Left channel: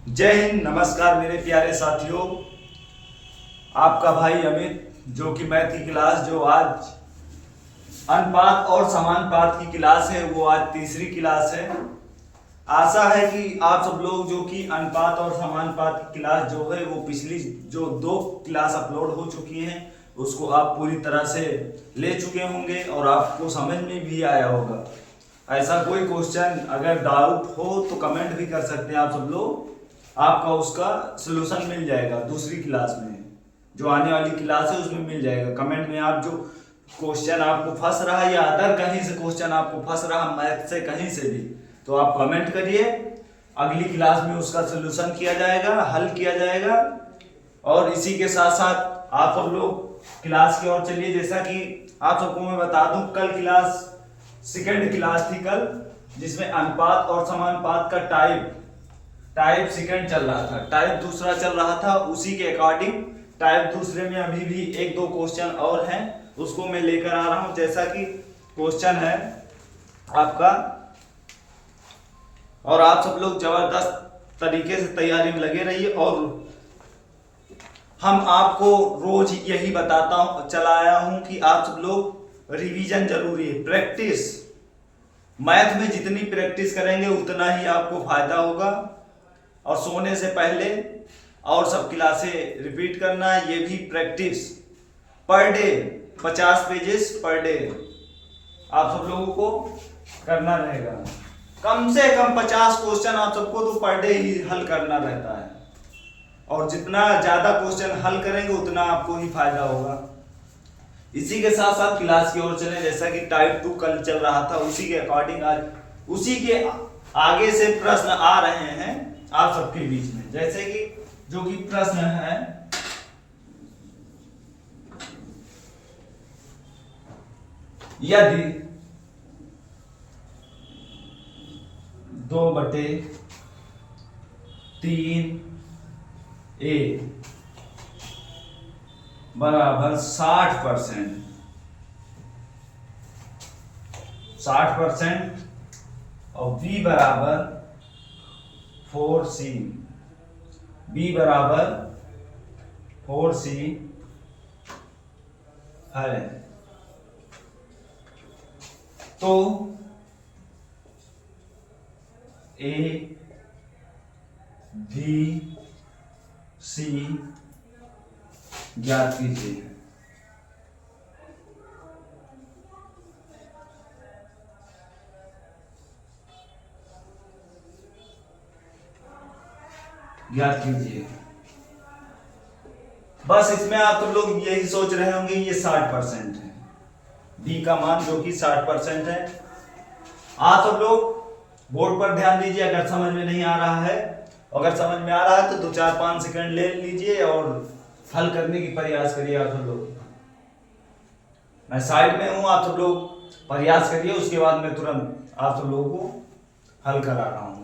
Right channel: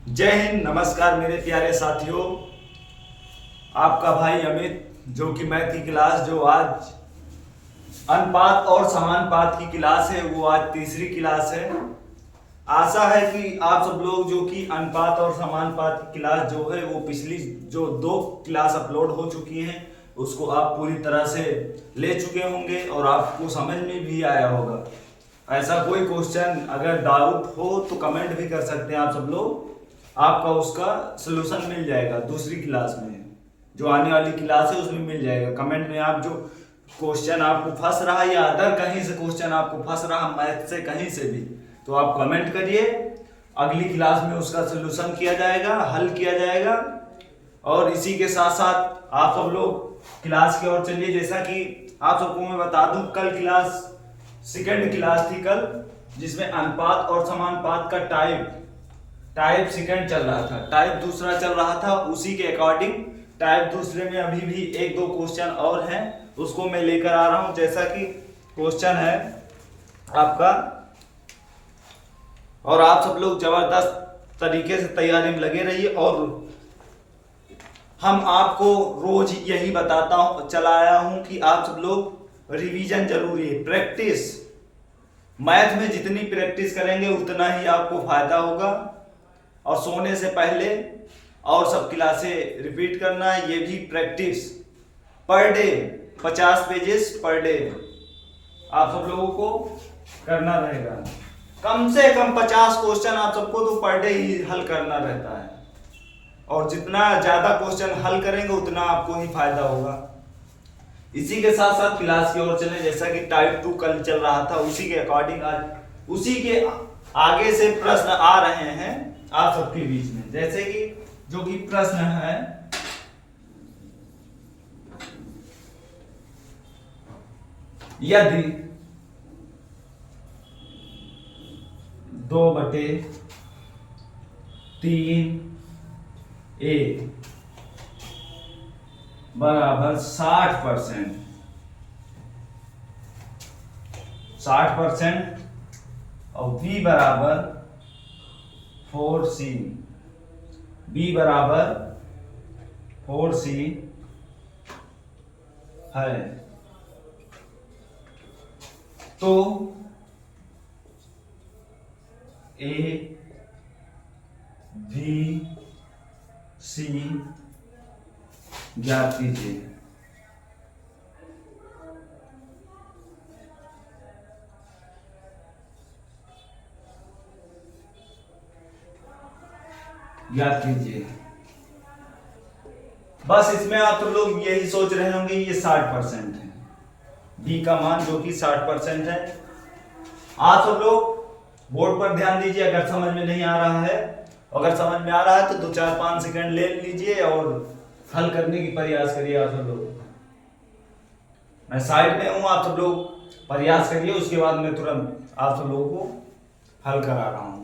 जय हिंद, नमस्कार मेरे प्यारे साथियों। आपका भाई अमित, जो कि मैथ की क्लास जो आज अनुपात और समानुपात की क्लास है, वो आज तीसरी क्लास है। आशा है कि आप सब लोग जो कि अनुपात और समानुपात की क्लास जो है वो पिछली जो 2 क्लास अपलोड हो चुकी हैं उसको आप पूरी तरह से ले चुके होंगे और आपको समझ में भी आया होगा। ऐसा कोई क्वेश्चन अगर डाउट हो तो कमेंट भी कर सकते हैं आप सब लोग, आपका उसका सोल्यूशन मिल जाएगा। दूसरी क्लास में जो आने वाली क्लास है उसमें मिल जाएगा। कमेंट में आप जो क्वेश्चन आपको फंस रहा है या अदर कहीं से क्वेश्चन आपको फंस रहा मैथ से कहीं से भी, तो आप कमेंट करिए, अगली क्लास में उसका सोल्यूशन किया जाएगा, हल किया जाएगा। और इसी के साथ साथ आप सब लोग क्लास की ओर चलिए। जैसा कि आप सबको मैं बता दूं, कल क्लास सेकंड क्लास थी कल, जिसमें अनुपात और समानुपात का टाइप सेकंड चल रहा था, टाइप दूसरा चल रहा था। उसी के अकॉर्डिंग टाइप दूसरे में अभी भी 1-2 क्वेश्चन और हैं, उसको मैं लेकर आ रहा हूं। जैसा कि क्वेश्चन है आपका, और आप सब लोग जबरदस्त तरीके से तैयारी में लगे रहिए। और हम आपको रोज यही बताता हूं, चलाया हूं कि आप सब लोग रिवीजन जरूरी है, प्रैक्टिस। मैथ में जितनी प्रैक्टिस करेंगे उतना ही आपको फायदा होगा। और सोने से पहले और सब क्लासें रिपीट करना, ये भी practice. Per day 50 pages per day आप सब लोगों को करना रहेगा। कम से कम 50 क्वेश्चन आप सबको तो पर डे ही हल करना रहता है। और जितना ज्यादा क्वेश्चन हल करेंगे उतना आपको ही फायदा होगा। इसी के साथ साथ क्लास की ओर चले। जैसा कि टाइप 2 कल चल रहा था, उसी के अकॉर्डिंग आज उसी के आगे से प्रश्न आ रहे हैं आप सबके बीच में। जैसे कि जो कि प्रश्न है, यदि 2/3 बराबर 60% और बी बराबर 4c, बी बराबर 4c है, तो ए बी सी ज्ञात कीजिए। ज्ञात कीजिए। बस इसमें आप लोग यही सोच रहे होंगे ये 60% है, बी का मान जो कि 60% है। आप सब लोग बोर्ड पर ध्यान दीजिए। अगर समझ में नहीं आ रहा है, अगर समझ में आ रहा है तो 2-4-5 सेकंड ले लीजिए और हल करने की प्रयास करिए। आप सब लोग, मैं साइड में हूं, आप सब लोग प्रयास करिए, उसके बाद मैं तुरंत आप सब लोगों को हल करा रहा हूं।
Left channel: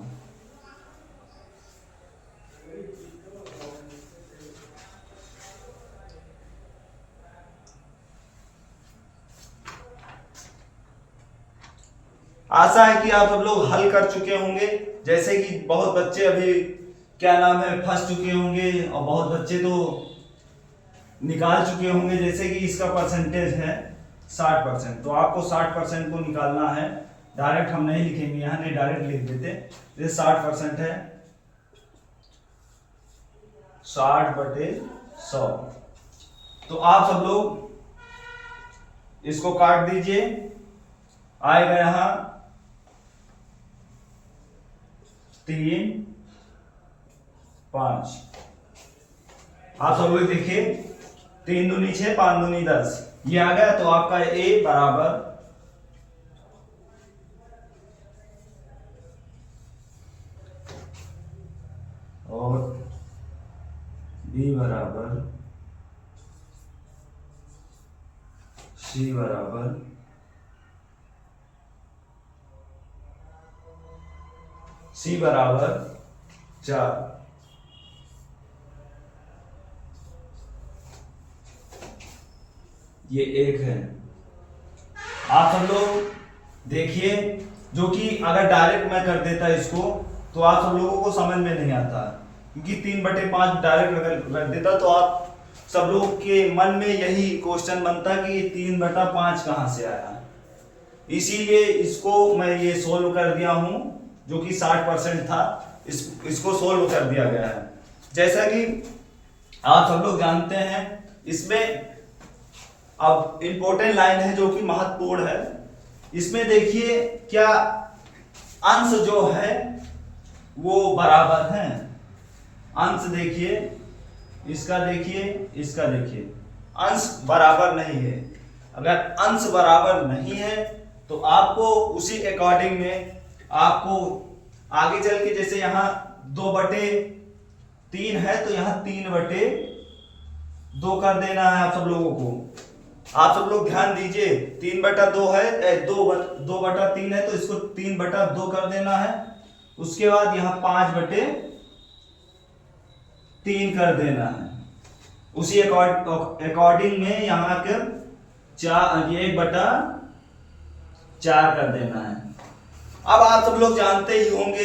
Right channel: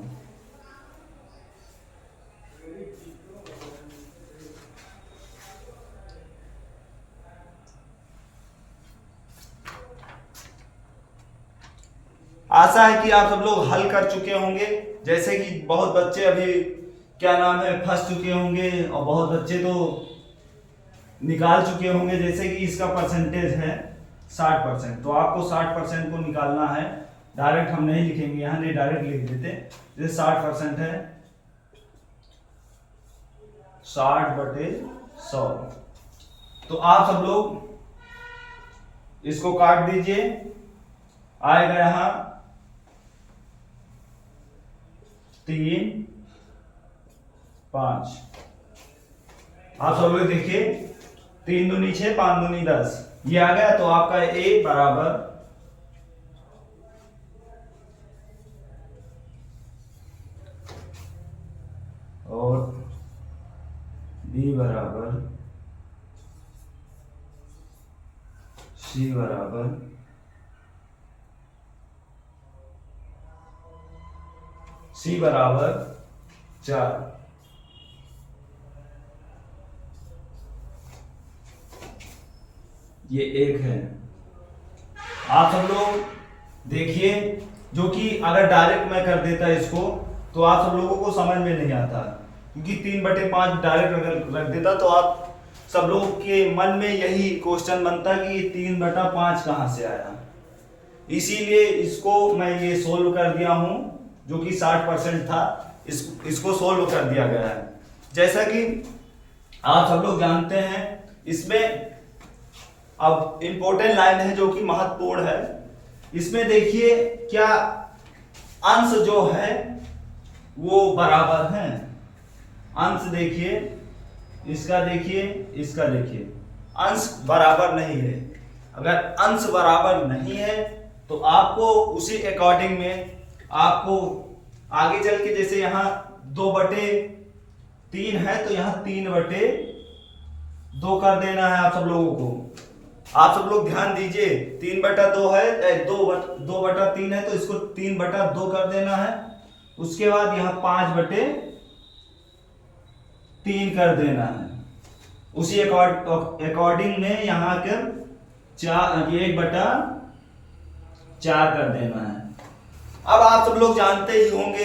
आशा है कि आप सब लोग हल कर चुके होंगे। जैसे कि बहुत बच्चे अभी क्या नाम है फंस चुके होंगे और बहुत बच्चे तो निकाल चुके होंगे। जैसे कि इसका परसेंटेज है 60%, तो आपको 60% को निकालना है। डायरेक्ट हम नहीं लिखेंगे यहाँ, नहीं डायरेक्ट लिख देते। ये 60% है, 60/100। तो आप सब लोग इसको काट दीजिए, आएगा यहां 3, 5। आप सब लोग देखिए, 3 दूनी 6, 5 दूनी 10, ये आ गया। तो आपका ए बराबर और बी बराबर सी बराबर सी बराबर 4। ये 1 है। आप सब लोग देखिए, जो कि अगर डायरेक्ट मैं कर देता इसको तो आप सब लोगों को समझ में नहीं आता। क्योंकि 3/5 डायरेक्ट अगर रख देता तो आप सब लोग के मन में यही क्वेश्चन बनता कि 3/5 कहाँ से आया। इसीलिए इसको मैं ये सोल्व कर दिया हूं, जो कि 60% था, इसको सोल्व कर दिया गया है। जैसा कि आप सब लोग जानते हैं, इसमें अब इंपॉर्टेंट लाइन है जो कि महत्वपूर्ण है। इसमें देखिए क्या अंश जो है वो बराबर है। अंश देखिए, इसका देखिए, इसका देखिए, अंश बराबर नहीं है। अगर अंश बराबर नहीं है तो आपको उसी अकॉर्डिंग में आपको आगे चल के, जैसे यहां 2/3 है तो यहां 3/2 कर देना है आप सब लोगों को। आप सब लोग ध्यान दीजिए, 3/2 है, 2/3 है तो इसको 3/2 कर देना है। उसके बाद यहां 5/3 कर देना है। उसी अकॉर्डिंग में यहां कर 1/4 कर देना है। अब आप सब लोग जानते ही होंगे,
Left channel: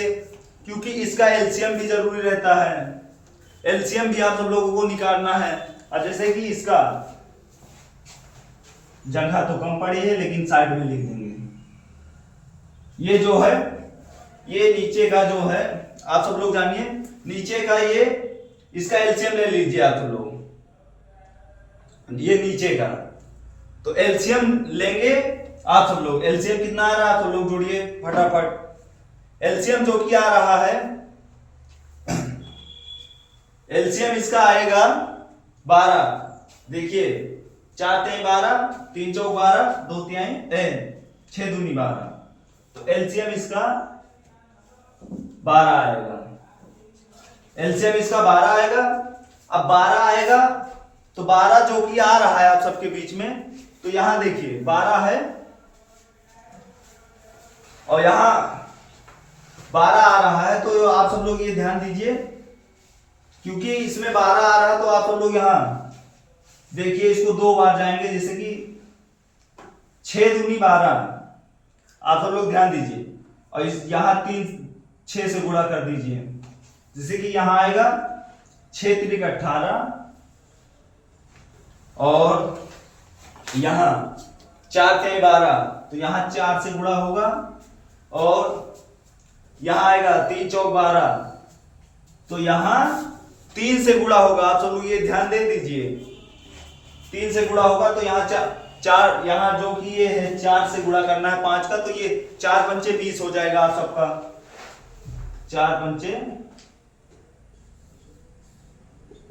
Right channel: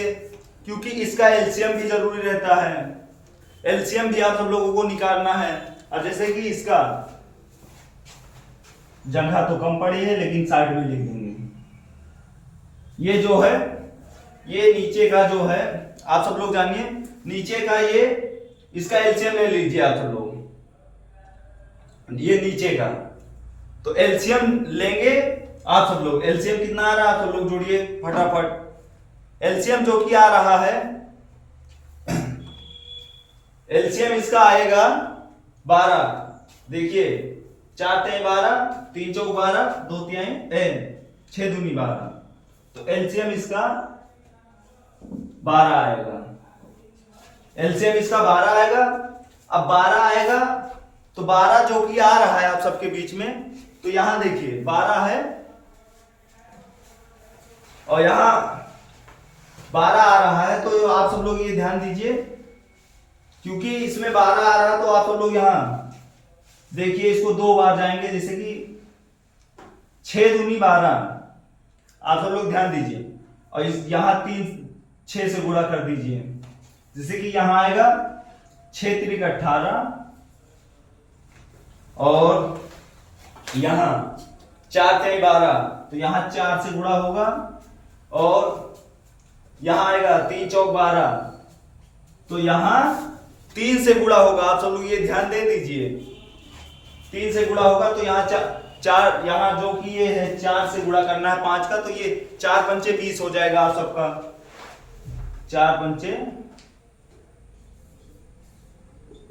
क्योंकि इसका एलसीएम भी जरूरी रहता है। एलसीएम भी आप सब लोगों को निकालना है। अब जैसे कि इसका जगह तो कम पड़ी है, लेकिन साइड में लिख देंगे। ये जो है, ये नीचे का जो है, आप सब लोग जानिए, नीचे का ये, इसका एलसीएम ले लीजिए आप सब लोग। ये नीचे का तो एलसीएम लेंगे आप सब लोग। एलसीएम कितना आ रहा है आप सब लोग जोड़िए फटाफट। एलसीएम जो कि आ रहा है, एलसीएम इसका आएगा 12। देखिए 4 × 12, 3 × 4 12, 2 × 6 × 2 = 12। तो एलसीएम इसका 12 आएगा। एलसीएम इसका 12 आएगा। अब 12 आएगा तो 12 जो कि आ रहा है आप सबके बीच में, तो यहां देखिए 12 है और यहां 12 आ रहा है। तो आप सब लोग ये ध्यान दीजिए, क्योंकि इसमें 12 आ रहा है तो आप सब लोग यहां देखिए, इसको 2 बार जाएंगे, जैसे कि 6 × 2 = 12। आप सब लोग ध्यान दीजिए। और यहां 6 से गुणा कर दीजिए, जैसे कि यहां आएगा 6 × 3 = 18 और यहां 4 × 3 = 12, तो यहां 4 से गुणा होगा। और यहां आएगा 3 × 4 = 12, तो यहां 3 से गुणा होगा। आप सब लोग ये ध्यान दे दीजिए, 3 से गुणा होगा तो यहाँ 4, यहाँ जो कि ये है 4 से गुणा करना है 5 का, तो ये 4 × 5 = 20 हो जाएगा आप सबका। 4 × 5 =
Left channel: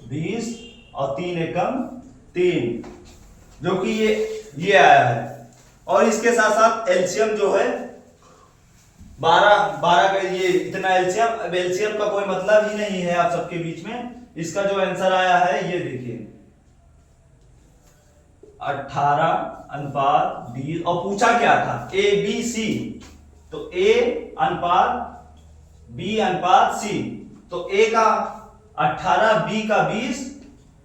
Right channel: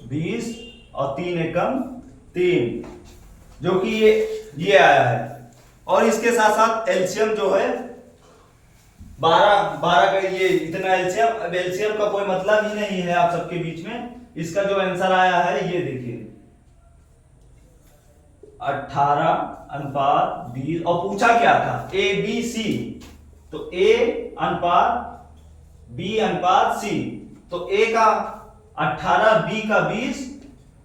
20 और 3 एकम 3, जो कि ये आया है। और इसके साथ साथ एलसीएम जो है 12 का ये इतना एलसीएम। अब एलसीएम का कोई मतलब ही नहीं है आप सबके बीच में। इसका जो आंसर आया है ये देखिए 18:20। और पूछा क्या था, ABC, तो A:B:C, तो A का 18, B का 20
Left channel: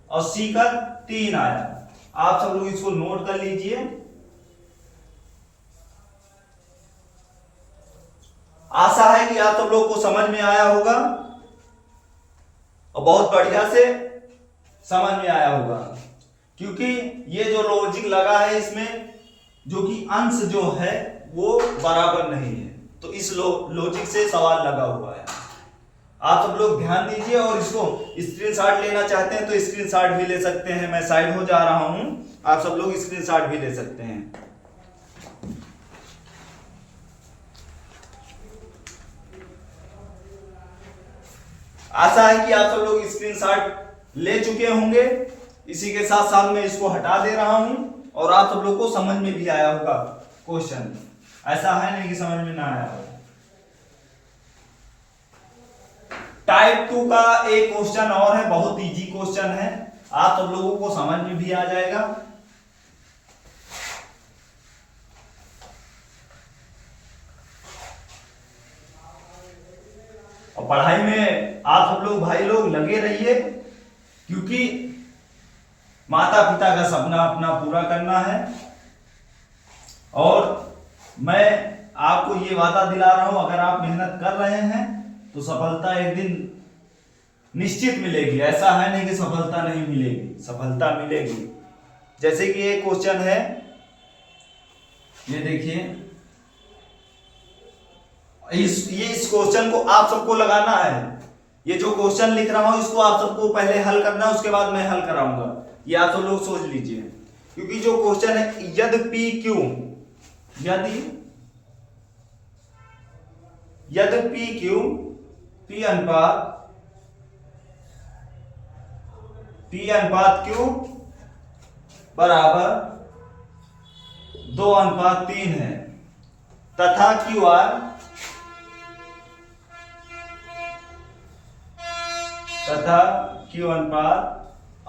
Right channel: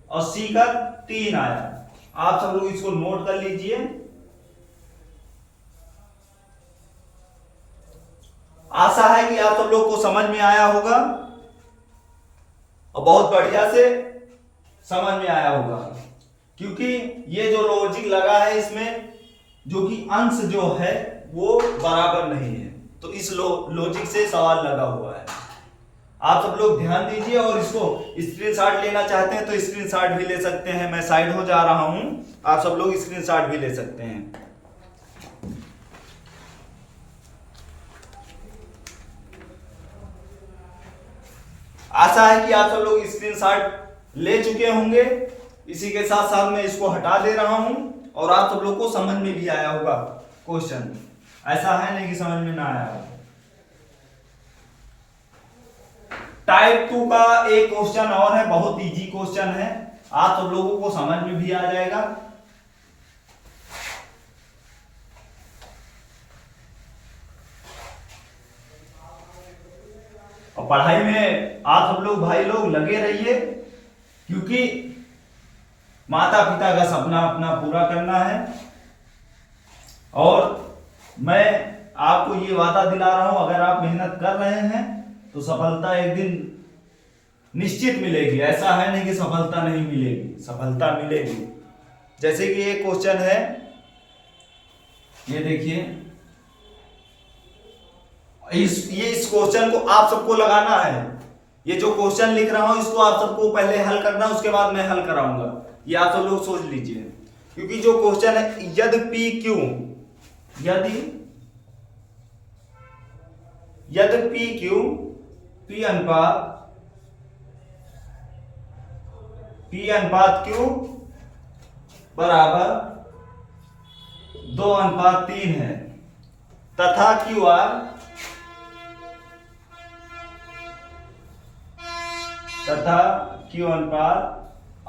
और C का 3 आया। आप सब लोग इसको नोट कर लीजिए। आशा है कि आप सब लोग को समझ में आया होगा और बहुत बढ़िया से समझ में आया होगा, क्योंकि ये जो लॉजिक लगा है इसमें, जो कि अंश जो है वो बराबर नहीं है, तो इस लॉजिक से सवाल लगा हुआ है। आप सब लोग ध्यान दीजिए और इसको स्क्रीनशॉट लेना चाहते हैं तो स्क्रीनशॉट भी ले सकते हैं। मैं साइड हो जा रहा हूं, आप सब लोग स्क्रीनशॉट भी ले सकते हैं। आशा है कि आप सब लोग स्क्रीनशॉट ले चुके होंगे। इसी के साथ साथ मैं इसको हटा दे रहा हूं और आप सब लोग को समझ में भी आया होगा क्वेश्चन। ऐसा है नहीं कि समझ में ना आया हो। टाइप 2 का एक क्वेश्चन और है, बहुत इजी क्वेश्चन है, आप सब लोगों को समझ में भी आ जाएगा। और पढ़ाई में आप सब लोग भाई लोग लगे रहिए, क्योंकि माता पिता का सपना अपना पूरा करना है। और मैं आपको ये वादा दिला रहा हूं, अगर आप मेहनत कर रहे हैं तो सफलता एक दिन निश्चित मिलेगी, ऐसा है नहीं कि सफलता नहीं मिलेगी, सफलता मिलेगी। जैसे कि एक क्वेश्चन है, ये देखिए, इस क्वेश्चन को आप सबको लगाना है। ये जो क्वेश्चन लिख रहा हूं इसको आप सबको पहले हल करना है, उसके बाद मैं हल कराऊंगा। ये आप सब लोग सोच लीजिए, क्योंकि जो क्वेश्चन है यदि पी क्यू, यदि पी क्यू, पी अनुपात क्यू बराबर 2:3 है, तथा क्यू आर, तथा क्यू अनुपात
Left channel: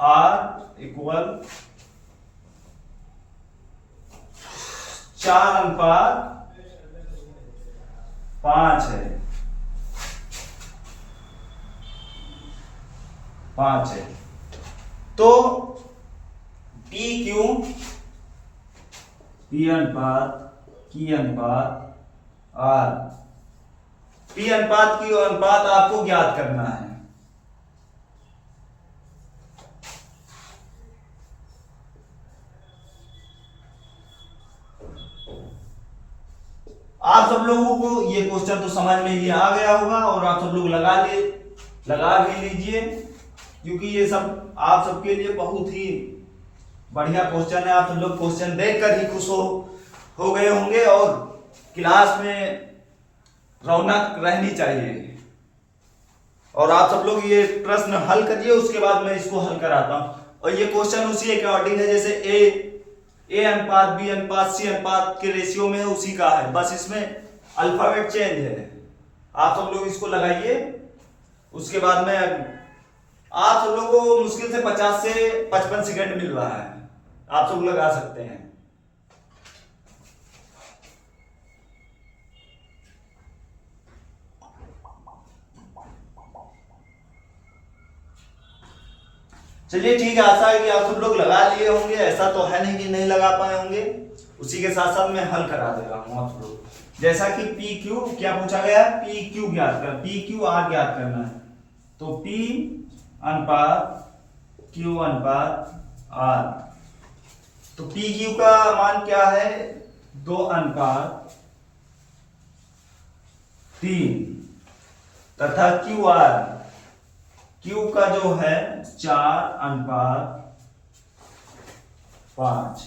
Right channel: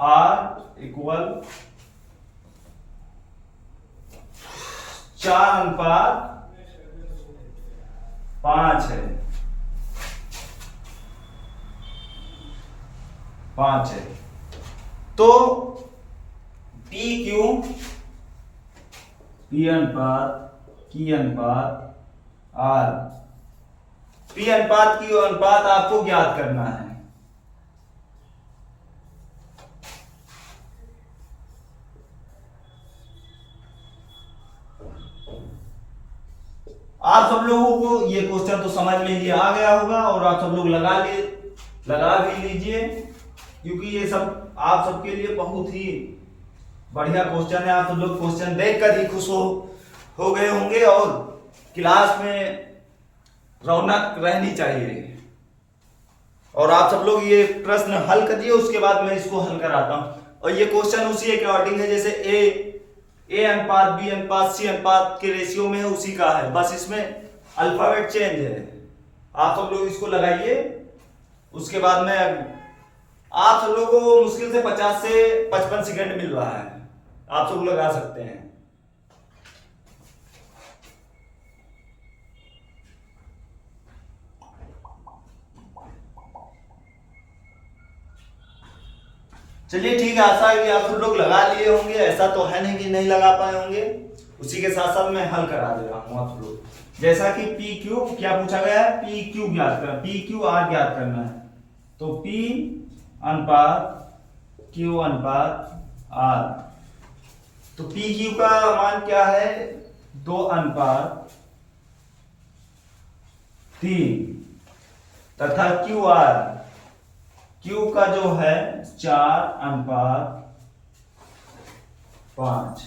आर इक्वल 4:5 है, 5 है। तो पी क्यू, पी अनुपात की अनुपात आर, पी अनुपात की अनुपात आपको ज्ञात करना है। आप सब लोगों को ये क्वेश्चन तो समझ में ही आ गया होगा, और आप सब लोग लगा भी लीजिए, क्योंकि ये सब आप सबके लिए बहुत ही बढ़िया क्वेश्चन है। आप सब लोग क्वेश्चन देखकर ही खुश हो गए होंगे, और क्लास में रौनक रहनी चाहिए। और आप सब लोग ये प्रश्न हल करिए, उसके बाद मैं इसको हल कराता हूं। और ये क्वेश्चन उसी के अकॉर्डिंग है, जैसे ए अनुपात बी अनुपात सी अनुपात के रेशियो में है, उसी का है, बस इसमें अल्फाबेट चेंज है। आप सब लोग इसको लगाइए, उसके बाद में आप सब लोगों को मुश्किल से 50 से 55 सेकंड मिल रहा है, आप सब लगा सकते हैं। चलिए ठीक है, आशा है कि आप सब लोग लगा लिए होंगे, ऐसा तो है नहीं कि नहीं लगा पाए होंगे। उसी के साथ साथ मैं हल करा दे रहा हूं आप लोग। जैसा कि पी क्यू क्या पूछा गया है, पी क्यू ज्ञात करना, पी क्यू आर ज्ञात करना है। तो पी अनुपात क्यू अनुपात आर, तो पी क्यू का मान क्या है, 2:3, तथा क्यू आर, क्यू का जो है 4:5।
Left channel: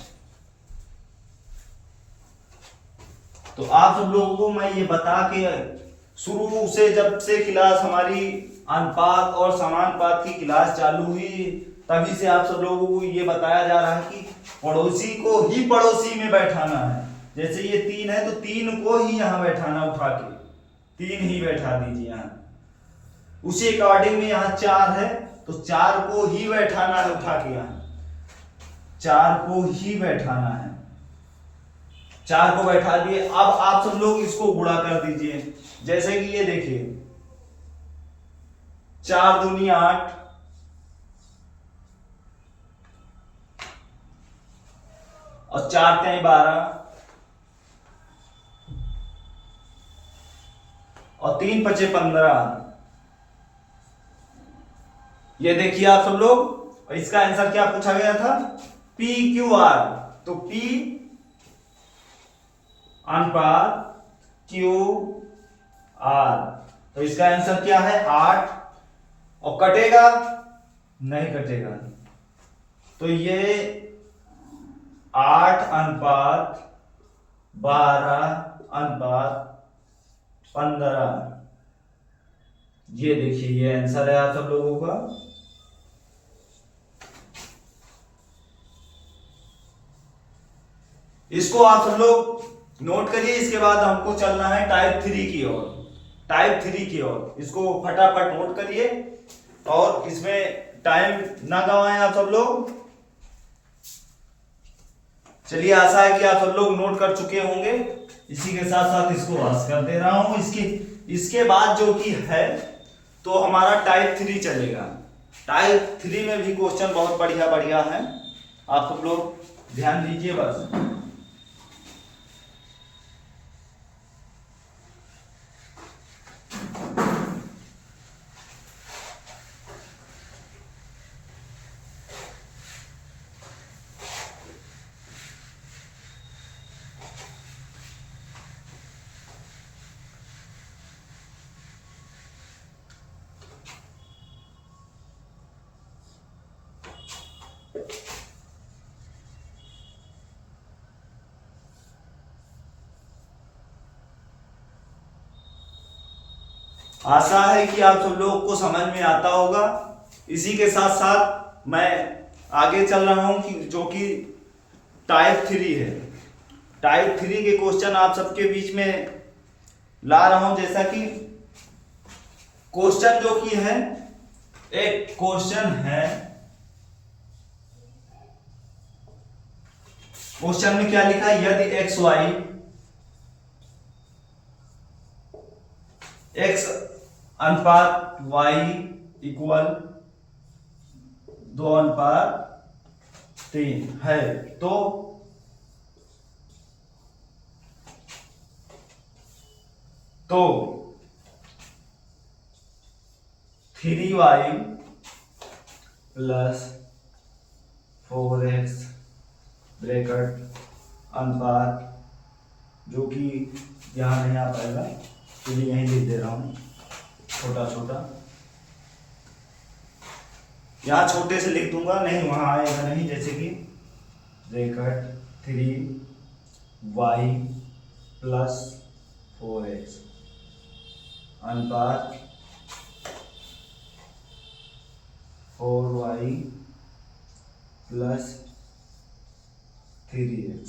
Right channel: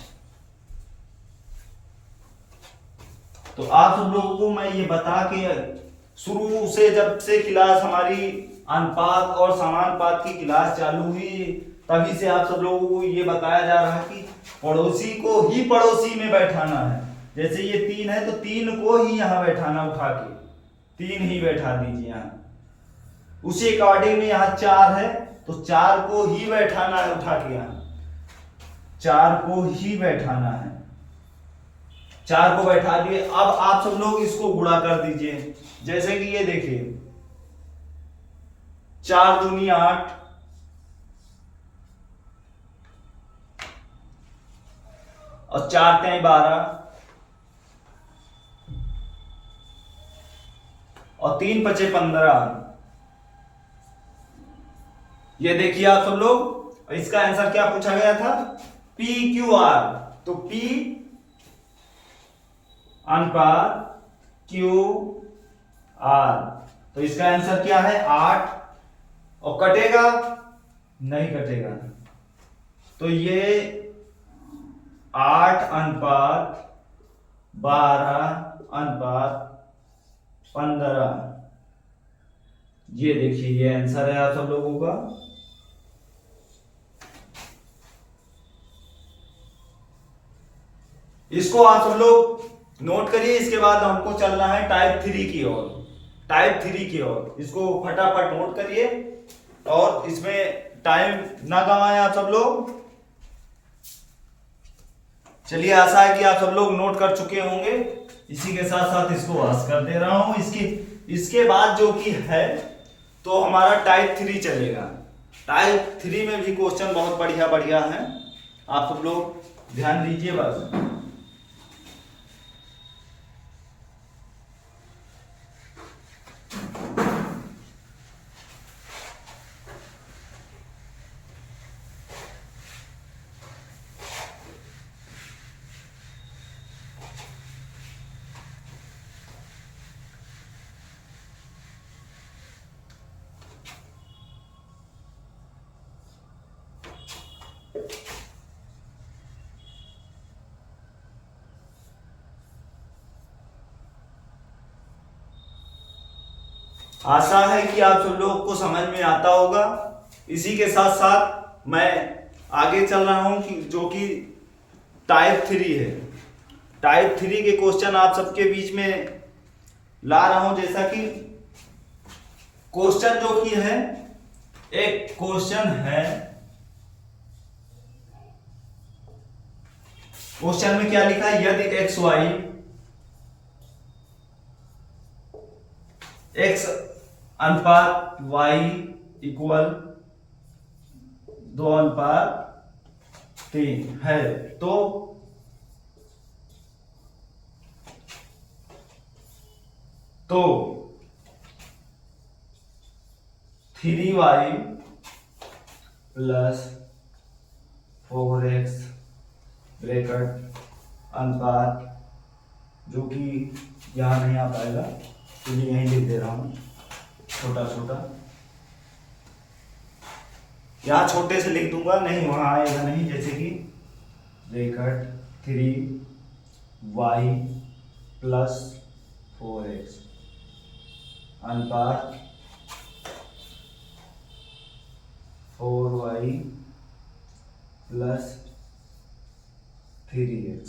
तो आप सब लोगों को मैं ये बता के, शुरू से जब से क्लास हमारी अनुपात और समानुपात की क्लास चालू हुई, तभी से आप सब लोगों को ये बताया जा रहा है कि पड़ोसी को ही पड़ोसी में बैठाना है। जैसे ये 3 है तो 3 को ही यहां बैठाना, उठा के 3 ही बैठा दीजिए यहां। उसी अकॉर्डिंग में यहां 4 है तो 4 को ही बैठाना है, उठा के यहां 4 को ही बैठाना है। 4 को बैठा दिए, अब आप सब लोग इसको गुणा कर दीजिए। जैसे कि ये देखिए, 4 दूनी 8, और 4 तें 12, और 3 पचे 15। ये देखिए आप सब लोग, इसका आंसर क्या पूछा गया था, पी क्यू आर। तो पी अनुपात क्यू आर, तो इसका आंसर क्या है 8, और कटेगा नहीं कटेगा, तो ये 8:12:15। ये देखिए, ये आंसर है आप सब लोगों का। इसको आप सब लोग नोट करिए। इसके बाद हमको चलना है टाइप 3 की ओर, टाइप 3 की ओर। इसको फटाफट नोट करिए, और इसमें टाइम ना गवाएं आप सब लोग। चलिए, आशा है कि आप सब लोग नोट कर चुके होंगे। इसी के साथ साथ इसको वाश कर दे रहा हूं। इसके बाद जो कि है, तो हमारा टाइप 3 चलेगा। टाइप 3 में भी क्वेश्चन बहुत बढ़िया बढ़िया है, आप सब लोग ध्यान दीजिए बस। आशा है कि आप सब लोगों को समझ में आता होगा। इसी के साथ साथ मैं आगे चल रहा हूं कि जो कि टाइप 3 है। टाइप 3 के क्वेश्चन आप सबके बीच में ला रहा हूं। जैसा कि क्वेश्चन जो कि है, एक क्वेश्चन है, क्वेश्चन में क्या लिखा है, यदि x अनुपात y इक्वल 2:3 है तो तो 3y प्लस 4x ब्रैकेट अनुपात, जो कि यहां नहीं आ पाएगा तो ये यहीं लिख दे रहा हूं छोटा छोटा, यहां छोटे से लिख दूंगा, नहीं वहां आएगा नहीं। जैसे कि ब्रैकेट 3y प्लस 4x अनुपात 4y प्लस 3x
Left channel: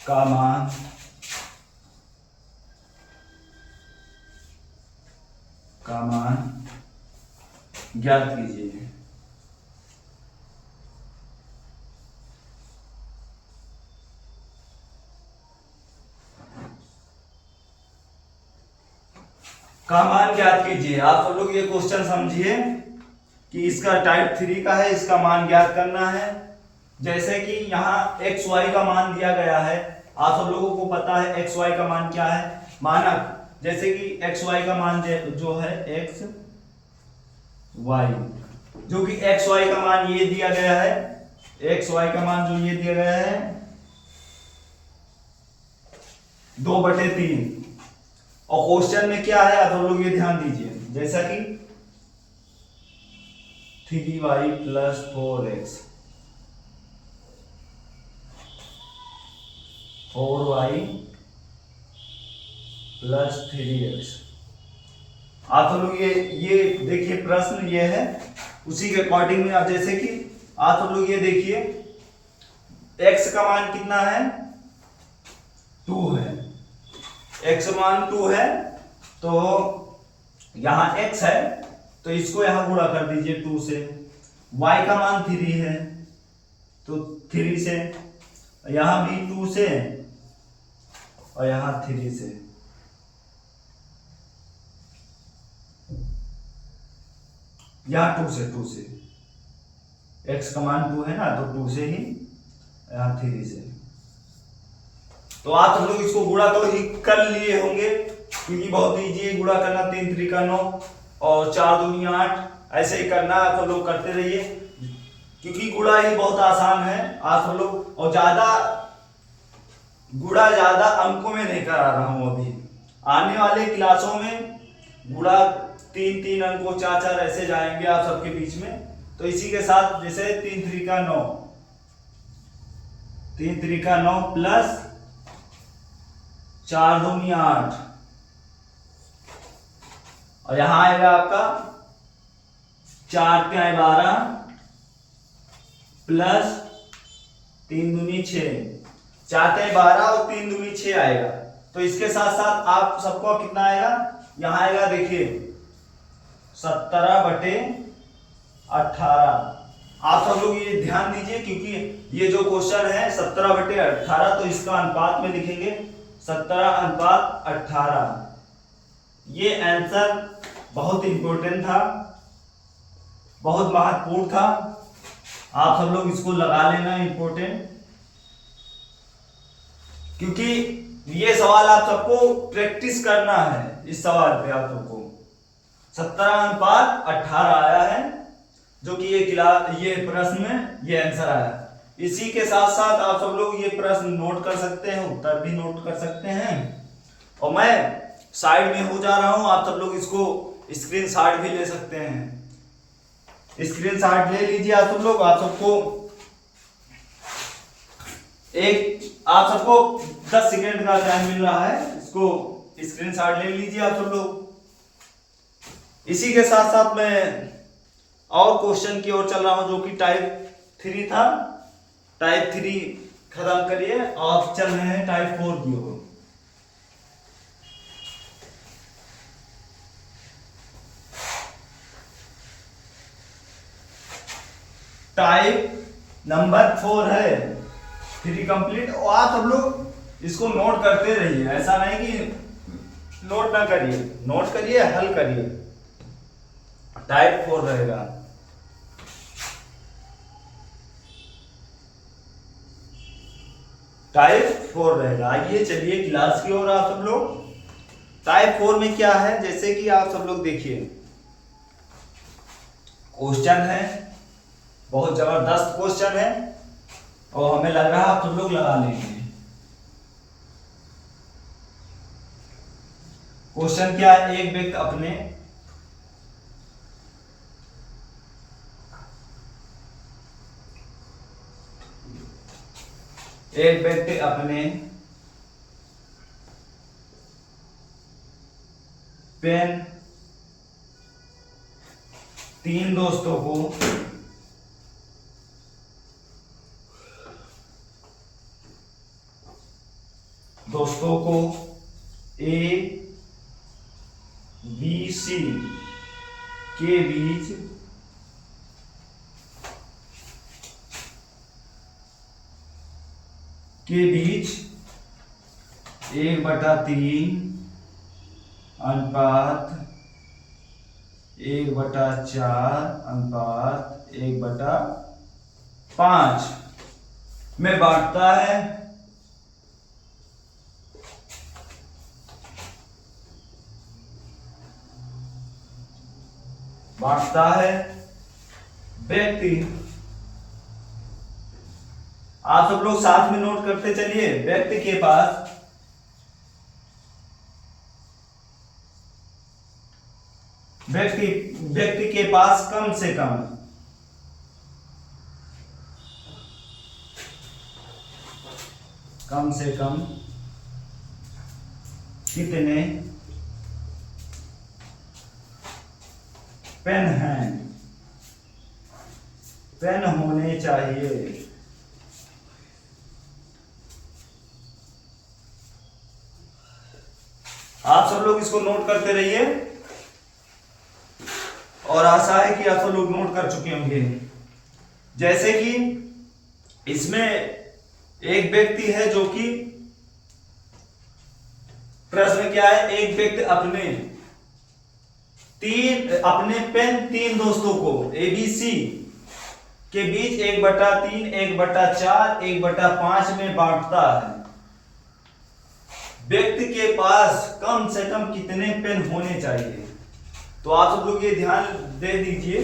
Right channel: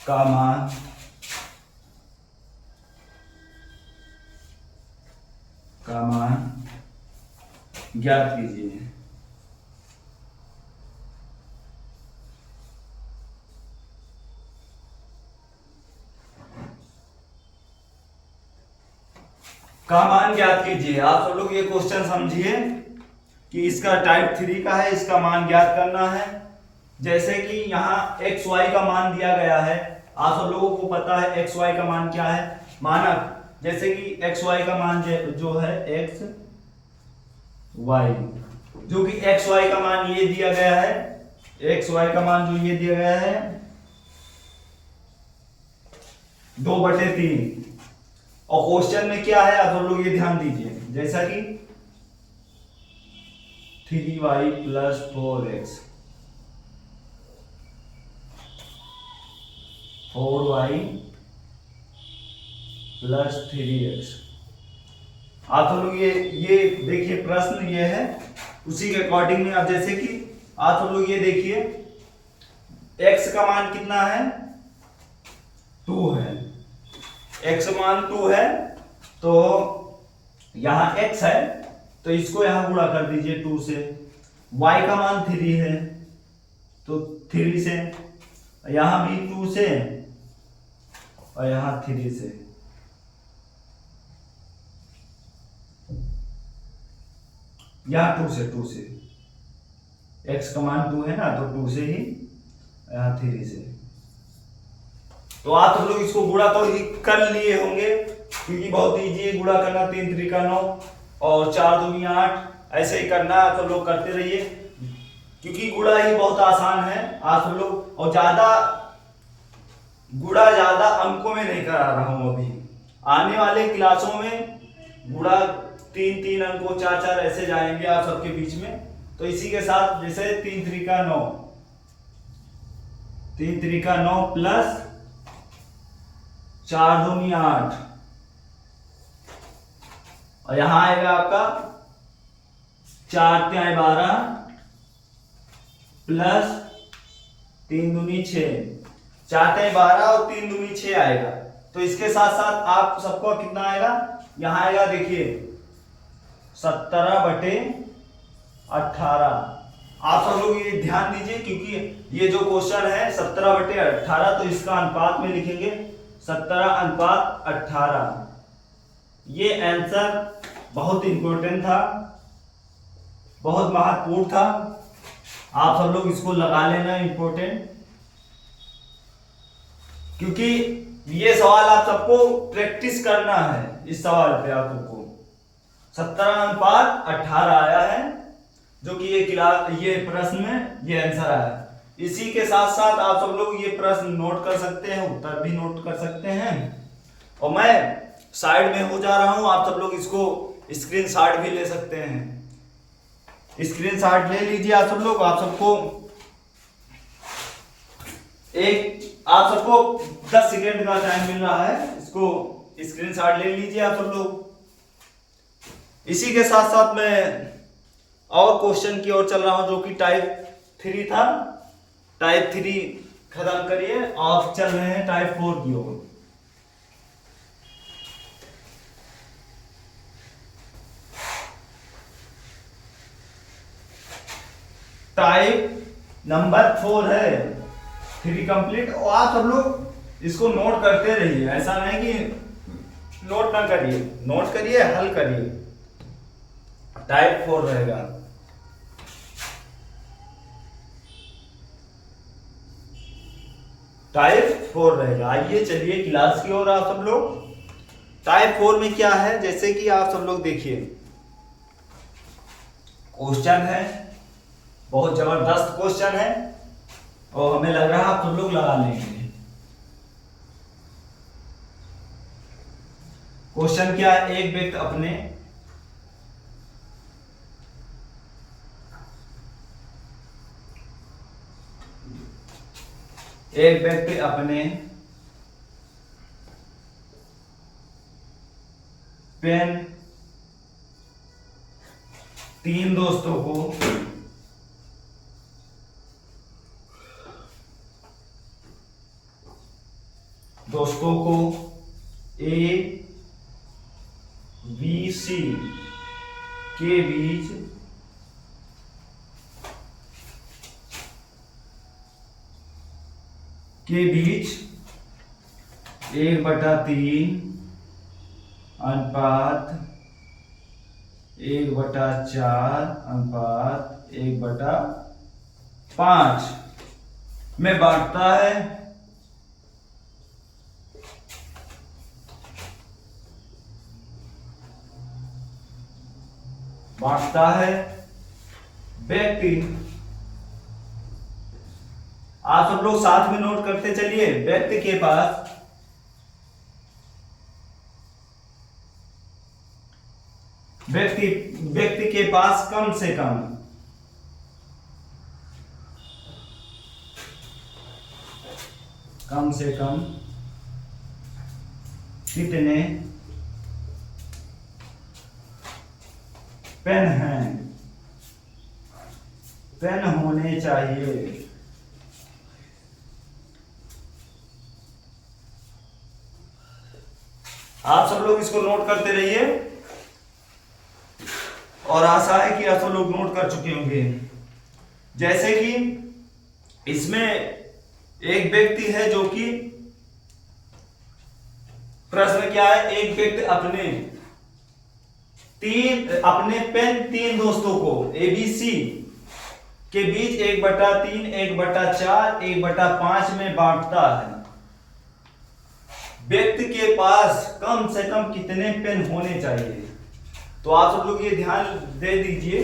का मान ज्ञात कीजिए। का मान ज्ञात कीजिए। आप सब लोग ये क्वेश्चन समझिए कि इसका टाइप 3 का है, इसका मान ज्ञात करना है। जैसे कि यहाँ एक्स वाई का मान दिया गया है, आप सब लोगों को पता है एक्स वाई का मान क्या है, मानक। जैसे कि एक्स वाई का मान जो है एक्स वाई, जो कि एक्स वाई का मान ये दिया गया है, एक्स वाई का मान जो ये दिया गया है 2/3। और क्वेश्चन में क्या है आप लोग ये ध्यान दीजिए, जैसा कि 3y plus 4x 4y plus 3x। आप लोग ये देखिए प्रश्न ये है, उसी के अकॉर्डिंग में आप जैसे कि आप लोग ये देखिए x का मान कितना है 2 है, x मान 2 है तो यहां x है तो इसको यहां गुणा कर दीजिए 2 से। y का मान 3 है तो 3 से, यहां भी 2 से और यहां 3 से। यहां 2 से x का मान 2 है ना तो 2 से ही, यहां 3 से। तो आप लोग इसको गुणा कर लिए होंगे क्योंकि बहुत इजी है गुणा करना। 3 3 का 9 और 4 दूनी 8, ऐसे ही करना है तो लोग करते रहिए क्योंकि गुणा ही बहुत आसान है। आप सब लोग, और ज्यादा गुणा ज्यादा अंकों में नहीं करा रहा हूं अभी, आने वाले क्लासों में गुणा 3 3 अंकों 4 4 ऐसे जाएंगे आप सबके बीच में। तो इसी के साथ जैसे 3 3 का 9, 3 3 का 9 प्लस 4 दूनी 8 और यहां आएगा आपका 4 तिहाई 12 प्लस 3 दूनी 6, 4 तिहाई 12 और 3 दूनी 6 आएगा। तो इसके साथ साथ आप सबको कितना आएगा, यहां आएगा देखिए 17/18। आप सब लोग ये ध्यान दीजिए क्योंकि ये जो क्वेश्चन है 17/18, तो इसका अनुपात में लिखेंगे 17:18। ये आंसर बहुत इंपॉर्टेंट था, बहुत महत्वपूर्ण था, आप सब लोग इसको लगा लेना इंपॉर्टेंट, क्योंकि ये सवाल आप सबको प्रैक्टिस करना है। इस सवाल पे आप सबको 17:18 आया है, जो कि ये प्रश्न में ये आंसर आया है। इसी के साथ साथ आप सब लोग ये प्रश्न नोट कर सकते हैं, उत्तर भी नोट कर सकते हैं। और मैं साइड में हो जा रहा हूं, आप सब लोग इसको स्क्रीनशॉट भी ले सकते हैं। स्क्रीनशॉट ले लीजिए आप सब लोग। आप सबको 10 सेकेंड का टाइम मिल रहा है, इसको स्क्रीनशॉट ले लीजिए आप सब लोग। इसी के साथ साथ मैं और क्वेश्चन की ओर चल रहा हूं जो कि टाइप 3 था। टाइप 3 खत्म करिए, आप चल रहे हैं टाइप 4 की ओर। टाइप नंबर 4 है, 3 कंप्लीट। और आप सब लोग इसको नोट करते रहिए, ऐसा नहीं कि नोट ना करिए, नोट करिए, हल करिए। टाइप 4 रहेगा। टाइप 4 रहेगा। आइए चलिए क्लास की ओर आप सब लोग। टाइप 4 में क्या है, जैसे कि आप सब लोग देखिए, क्वेश्चन है, बहुत जबरदस्त क्वेश्चन है और हमें लग रहा है आप सब लोग लगा लेंगे। क्वेश्चन क्या है, एक व्यक्ति अपने पेन 3 दोस्तों को ए बी सी के बीच के बीच 1/3 अनुपात 1/4 अनुपात 1/5 में बांटता है। व्यक्ति, आप सब लोग साथ में नोट करते चलिए। व्यक्ति के पास कम से कम कितने पेन होने चाहिए। आप सब लोग इसको नोट करते रहिए और आशा है कि आप सब लोग नोट कर चुके होंगे। जैसे कि इसमें एक व्यक्ति है जो कि प्रश्न क्या है, एक व्यक्ति अपने पेन 3 दोस्तों को ABC के बीच 1/3 1/4 1/5 में बांटता है। व्यक्ति के पास कम से कम कितने पेन होने चाहिए। तो आप सब लोग ये ध्यान दे दीजिए,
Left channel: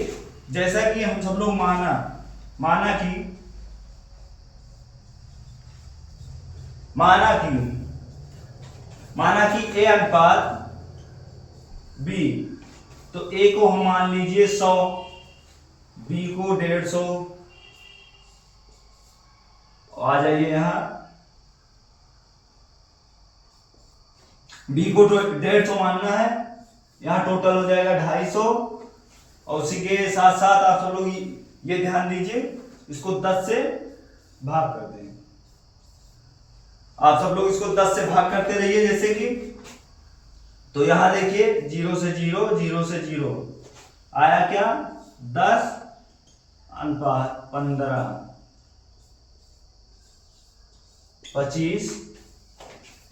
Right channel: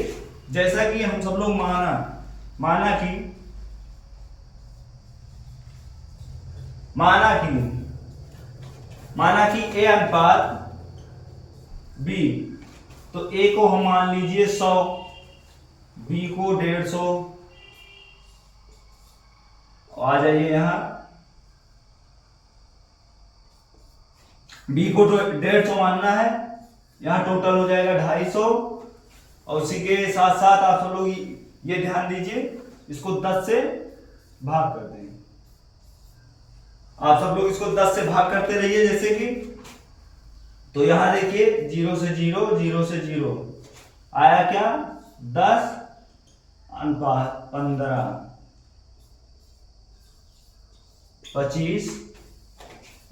जैसा कि हम सब लोग माना कि A अनुपात B, तो A को हम मान लीजिए 100, B को 150। आ जाइए यहां, B को 150 मानना है, यहां टोटल हो जाएगा 250। और उसी के साथ साथ आप सब लोग ये ध्यान दीजिए, इसको 10 से भाग कर दें। आप सब लोग इसको 10 से भाग करते रहिए। जैसे कि तो यहां देखिए 0 से 0 0 से 0 आया क्या, 10 अनुपात 15 25।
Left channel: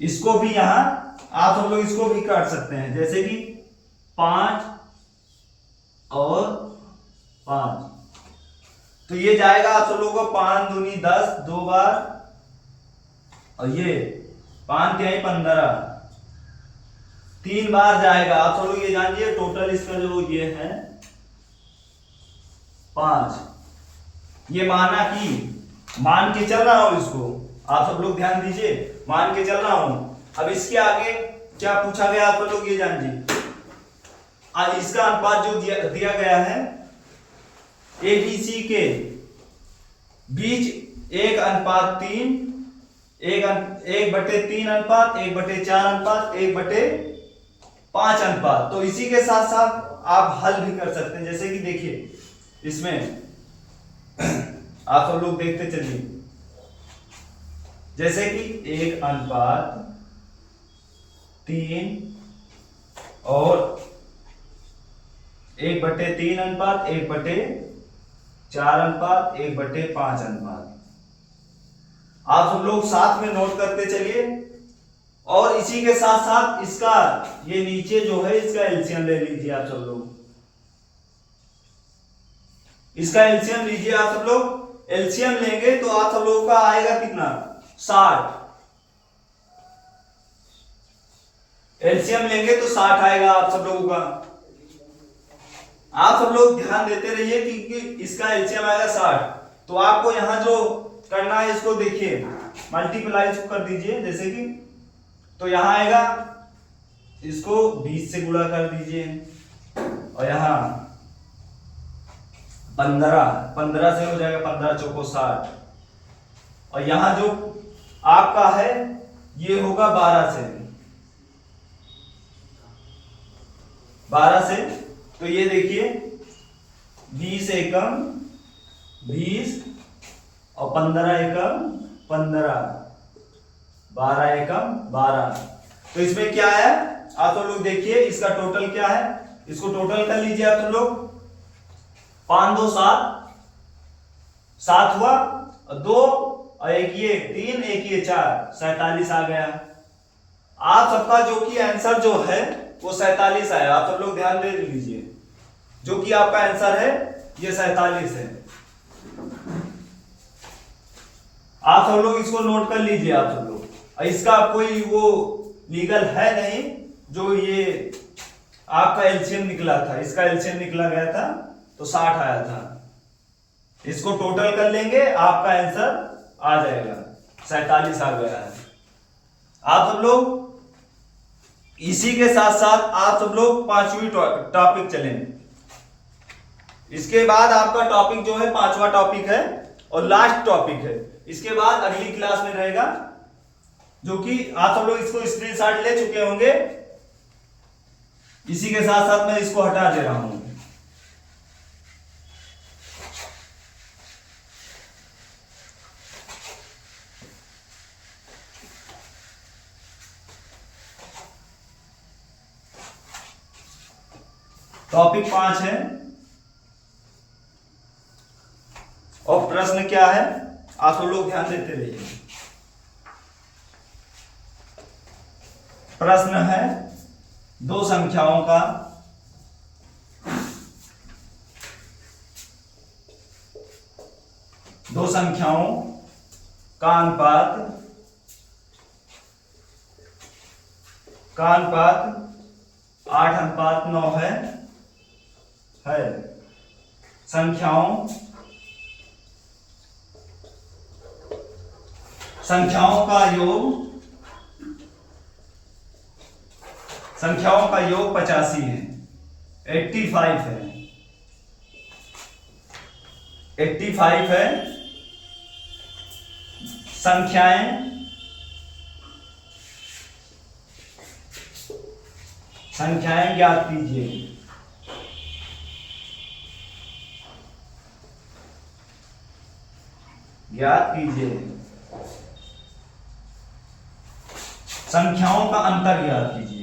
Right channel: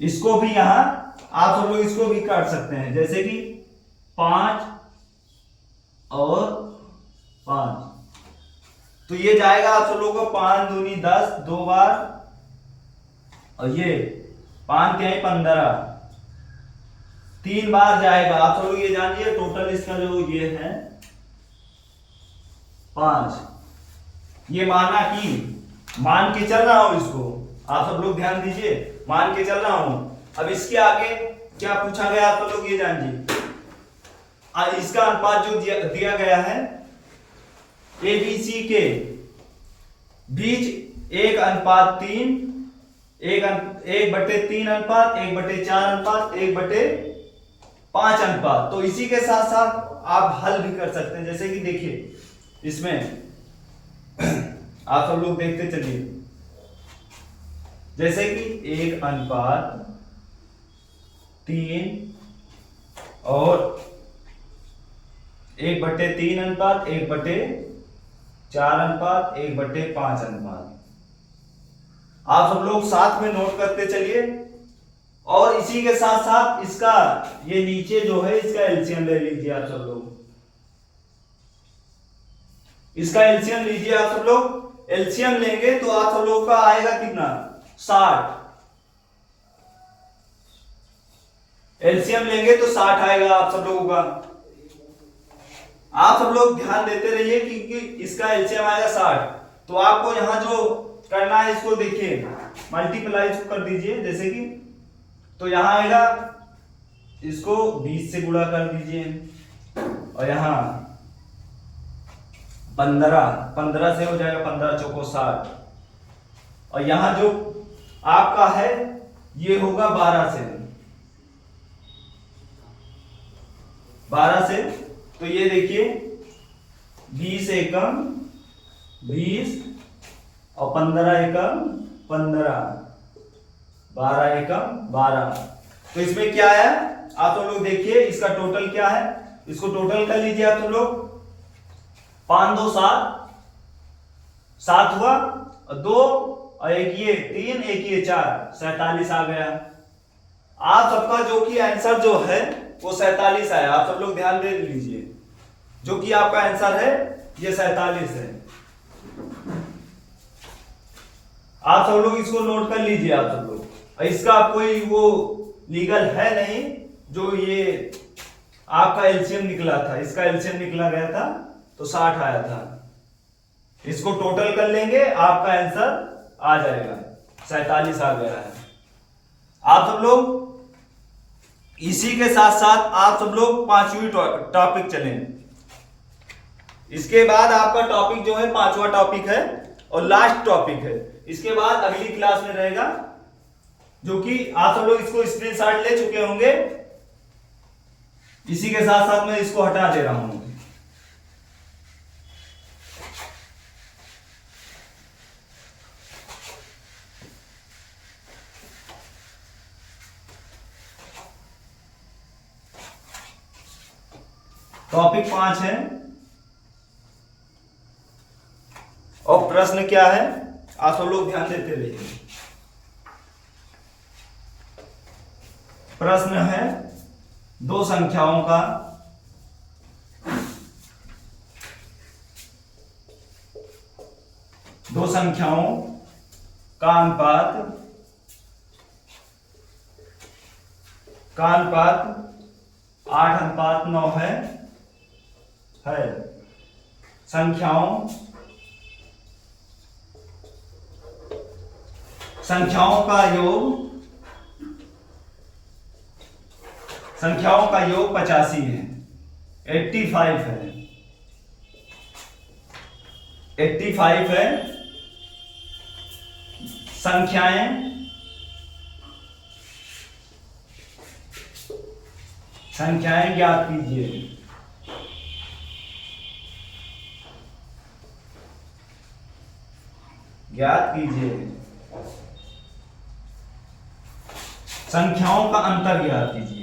इसको भी यहां आप सब लोग इसको भी काट सकते हैं, जैसे कि 5 और 5, तो ये जाएगा आप सब लोगों को 5 दूनी 10 2 बार, और ये 5 क्या है 15 3 बार जाएगा। आप सब लोग ये जानिए, टोटल इसका जो ये है 5। ये मान के चल रहा हूं इसको, आप सब लोग ध्यान दीजिए, मान के चल रहा हूं। अब इसके आगे क्या पूछा गया आप सब लोग ये जानिए। इसका अनुपात जो दिया गया है ABC के बीच 1:3, 1/3 अनुपात, 1/4 अनुपात, 1/5 अनुपात। तो इसी के साथ साथ आप हल भी कर सकते हैं, जैसे कि देखिए इसमें आप सब लोग देखते चलिए, जैसे कि 1:3 और 1/3 अनुपात, 1/4 अनुपात, 1/5 अनुपात। आप सब लोग साथ में नोट करते चलिए। और इसी के साथ साथ इसका ये नीचे जो है इसका एलसीएम ले लीजिए आप सब लोग, इसका एलसीएम लीजिए आप सब लोग। एलसीएम लेंगे तो आप सब लोग का आएगा कितना, 60। एलसीएम लेंगे तो 60 आएगा आप सब लोगों का। आप सब लोग ध्यान देते रहिए कि इसका एलसीएम आएगा 60। तो आपको यहां जो करना है इसको देखिए, मल्टीप्लाई कर दीजिए, जैसे कि तो यहां आएगा, इसको 20 से गुणा कर दीजिए, और यहां 15 से हो जाएगा, 15 चौको 60। और यहां जो आपका है ये होगा 12 से। तो ये देखिए 20 एकम 20 और 15 एकम 15, 12 एकम 12। तो इसमें क्या है आप तो लोग देखिए, इसका टोटल क्या है, इसको टोटल कर लीजिए आप तुम लोग। 5 2 7, 7 हुआ, और 2 और 1 ये 3, 1 ये 4, 47 आ गया। आप सबका जो कि आंसर जो है वो 47 आया। आप सब लोग ध्यान दे लीजिए, जो कि आपका आंसर है ये 47 है। आप सब लोग इसको नोट कर लीजिए आप सब लोग। और इसका कोई वो लीगल है नहीं, जो ये आपका एलसीएम निकला था, इसका एलसीएम निकला गया था तो 60 आया था। इसको टोटल कर लेंगे, आपका आंसर आ जाएगा, 47 आ गया है। आप सब लोग इसी के साथ साथ आप सब लोग 5वीं टॉपिक चलें। इसके बाद आपका टॉपिक जो है 5वां टॉपिक है और लास्ट टॉपिक है। इसके बाद अगली क्लास में रहेगा, जो कि आप सब लोग इसको स्क्रीनशॉट ले चुके होंगे। इसी के साथ साथ मैं इसको हटा दे रहा हूं। टॉपिक 5 है और प्रश्न क्या है आप सब लोग ध्यान देते रहिए। प्रश्न है दो संख्याओं का अनुपात 8:9 है। संख्याओं का योग 85 है, 85 है, 85 है। संख्याएं ज्ञात कीजिए। संख्याओं का अंतर ज्ञात कीजिए।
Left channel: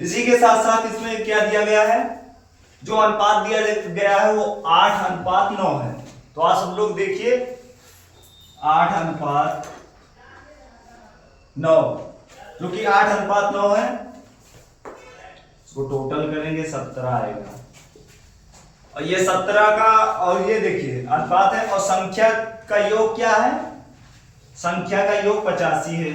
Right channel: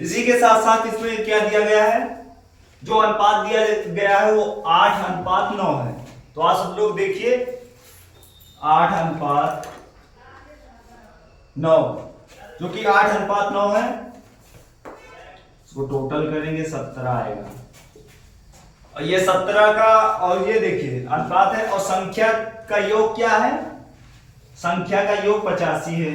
इसी के साथ साथ इसमें क्या दिया गया है, जो अनुपात दिया गया है वो 8:9 है। तो आप सब लोग देखिए 8:9, जो कि 8:9 है, इसको टोटल करेंगे 17 आएगा। और ये 17 का, और ये देखिए अनुपात है, और संख्या का योग क्या है, संख्या का योग 85 है।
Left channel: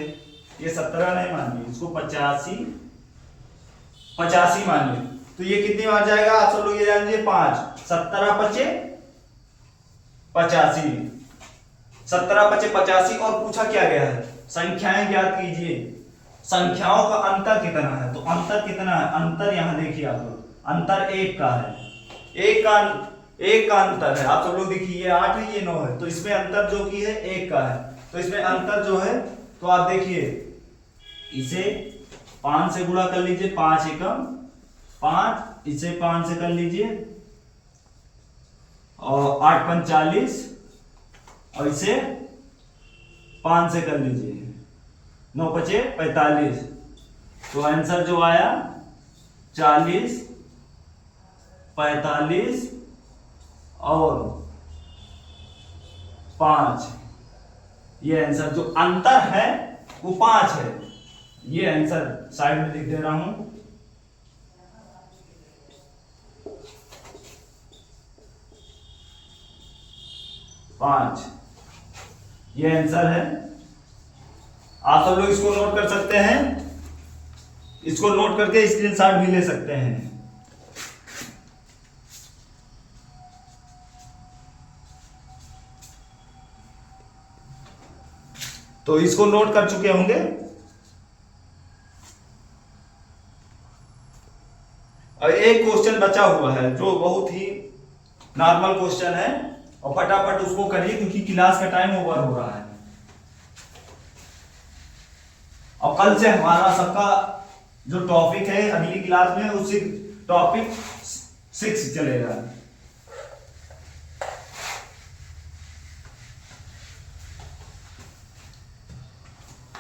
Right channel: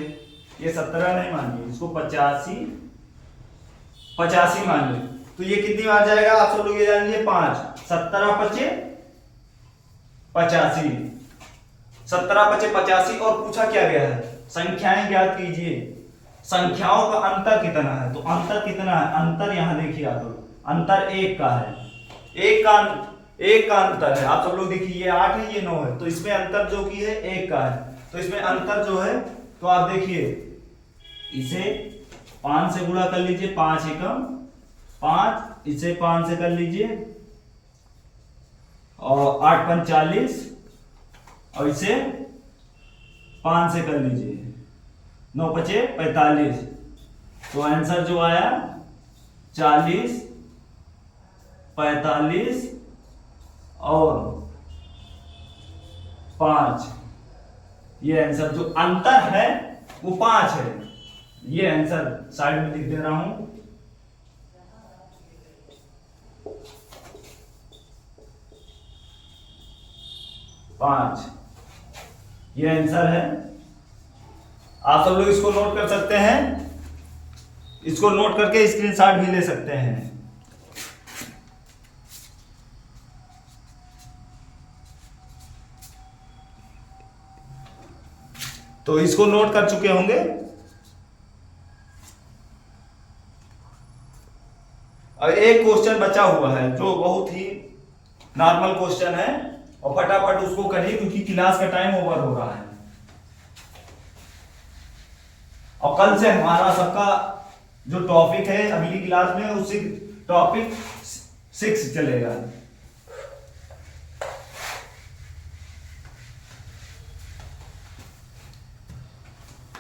ये 17 नहीं मानिए, इसको 85 मानिए। तो ये कितनी बार जाएगा आप सब लोग ये जान लीजिए 5। 17 पचे 85, 17 पचे 85। और पूछा क्या गया है, संख्याएं ज्ञात कीजिए, संख्याओं का अंतर कितना है। तो अंतर कितना है, अंतर यहां देखिए आप लोग, अंतर 1 का है, एक का अंतर है। आप सब लोग देखिए ये 8 है ये 9 है, तो इसमें अंतर जो की है 1 का है। तो इसमें अंतर जो है, तो आप देखिए इसे 5 से गुणा कर लीजिए, 5 एकम 5, इसे 5 से कर लीजिए और 8 पंच 40, और इसे 5 से कर लीजिए, 9 पचे 45। तो आंसर जो आया 40, 45 और 5। ये आंसर जो अंतर है वो 5 है। ये आंसर साइड में लिख दे रहा हूं। पांच, ये आंसर है। आप सब लोग इसको नोट कर सकते हैं, इसको नोट करके स्क्रीनशॉट भी ले सकते हैं। तो इसको नोट कर चुके होंगे। और एक क्वेश्चन बचा हुआ है जो बहुत ही नॉर्मल क्वेश्चन है, और फटाफट उसको करिए क्योंकि क्लास का टाइम ओवर हो रहा है। और कल से हमारा सबका जो टॉपिक है अगली क्लास में, उसी टॉपिक 6 चलेगा।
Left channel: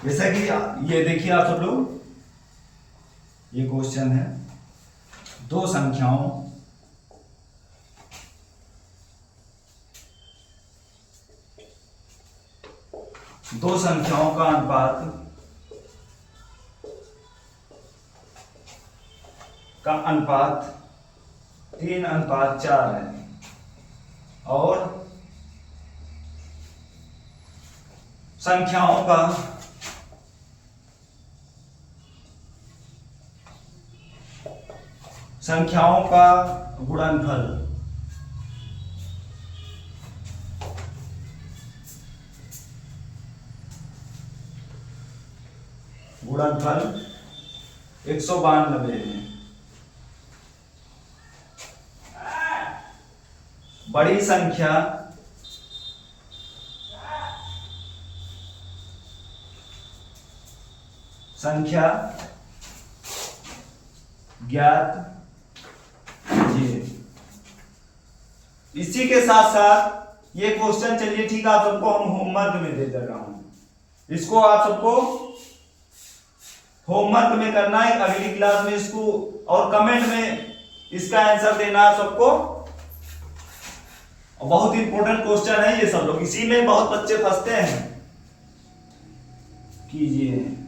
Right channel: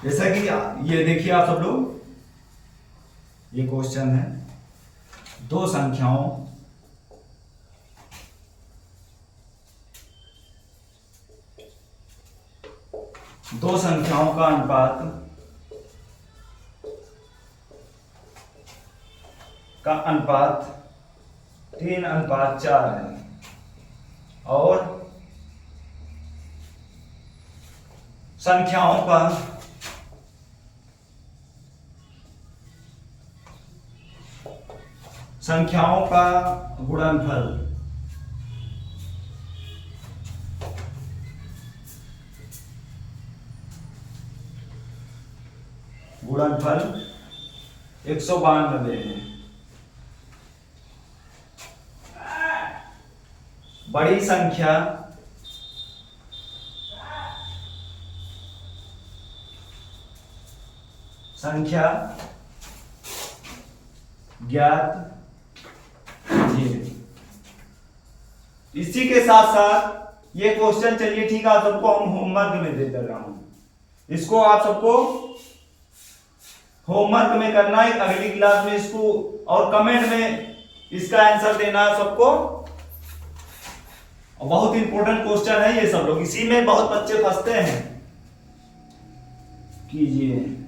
जैसा कि ये देखिए आप सब लोग, ये क्वेश्चन है, दो संख्याओं का अनुपात का अनुपात 3:4 है, और संख्याओं का गुणनफल गुणनफल 192 है। बड़ी संख्या ज्ञात कीजिए। इसी के साथ साथ ये क्वेश्चन, चलिए ठीक है, आप सबको हम होमवर्क में दे रहा हूं, इसको आप सबको होमवर्क में करना है अगली क्लास में इसको, और कमेंट में इसका आंसर देना है सबको। बहुत इंपॉर्टेंट क्वेश्चन है ये, सब लोग इसी में बहुत बच्चे फंसते हैं। कीजिए।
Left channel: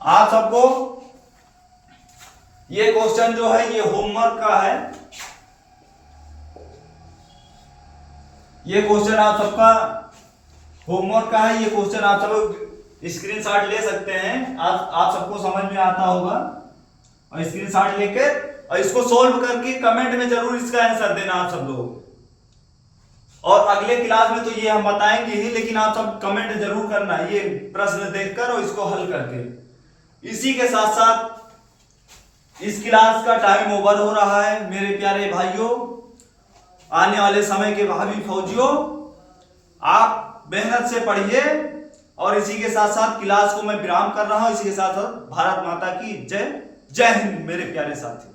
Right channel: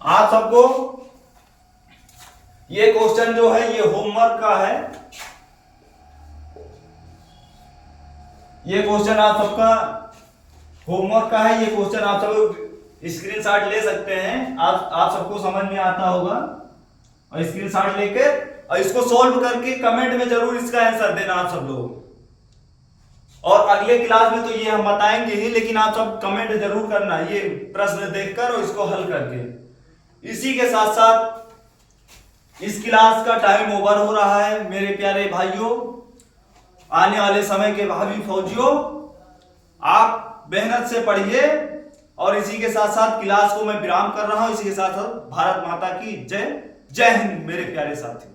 आप सबको ये क्वेश्चन जो है ये होमवर्क का है। ये क्वेश्चन आप सबका होमवर्क का है। ये क्वेश्चन आप सब स्क्रीनशॉट ले सकते हैं। आप सबको समझ में आता होगा, और स्क्रीनशॉट लेके और इसको सॉल्व करके कमेंट में जरूर इसका आंसर देना आप सब लोग। और अगले क्लास में तो ये हम बताएंगे ही, लेकिन आप सब कमेंट जरूर करना ये प्रश्न देखकर और इसको हल करके। इसी के साथ साथ इस क्लास का टाइम ओवर हो रहा है मेरे प्यारे भाइयों, आने वाले समय के भावी फौजियों, आप मेहनत से पढ़िए। और इसी के साथ साथ क्लास को मैं विराम कर रहा हूं। इसी के साथ साथ भारत माता की जय। जय हिंद मेरे प्यारे साथी।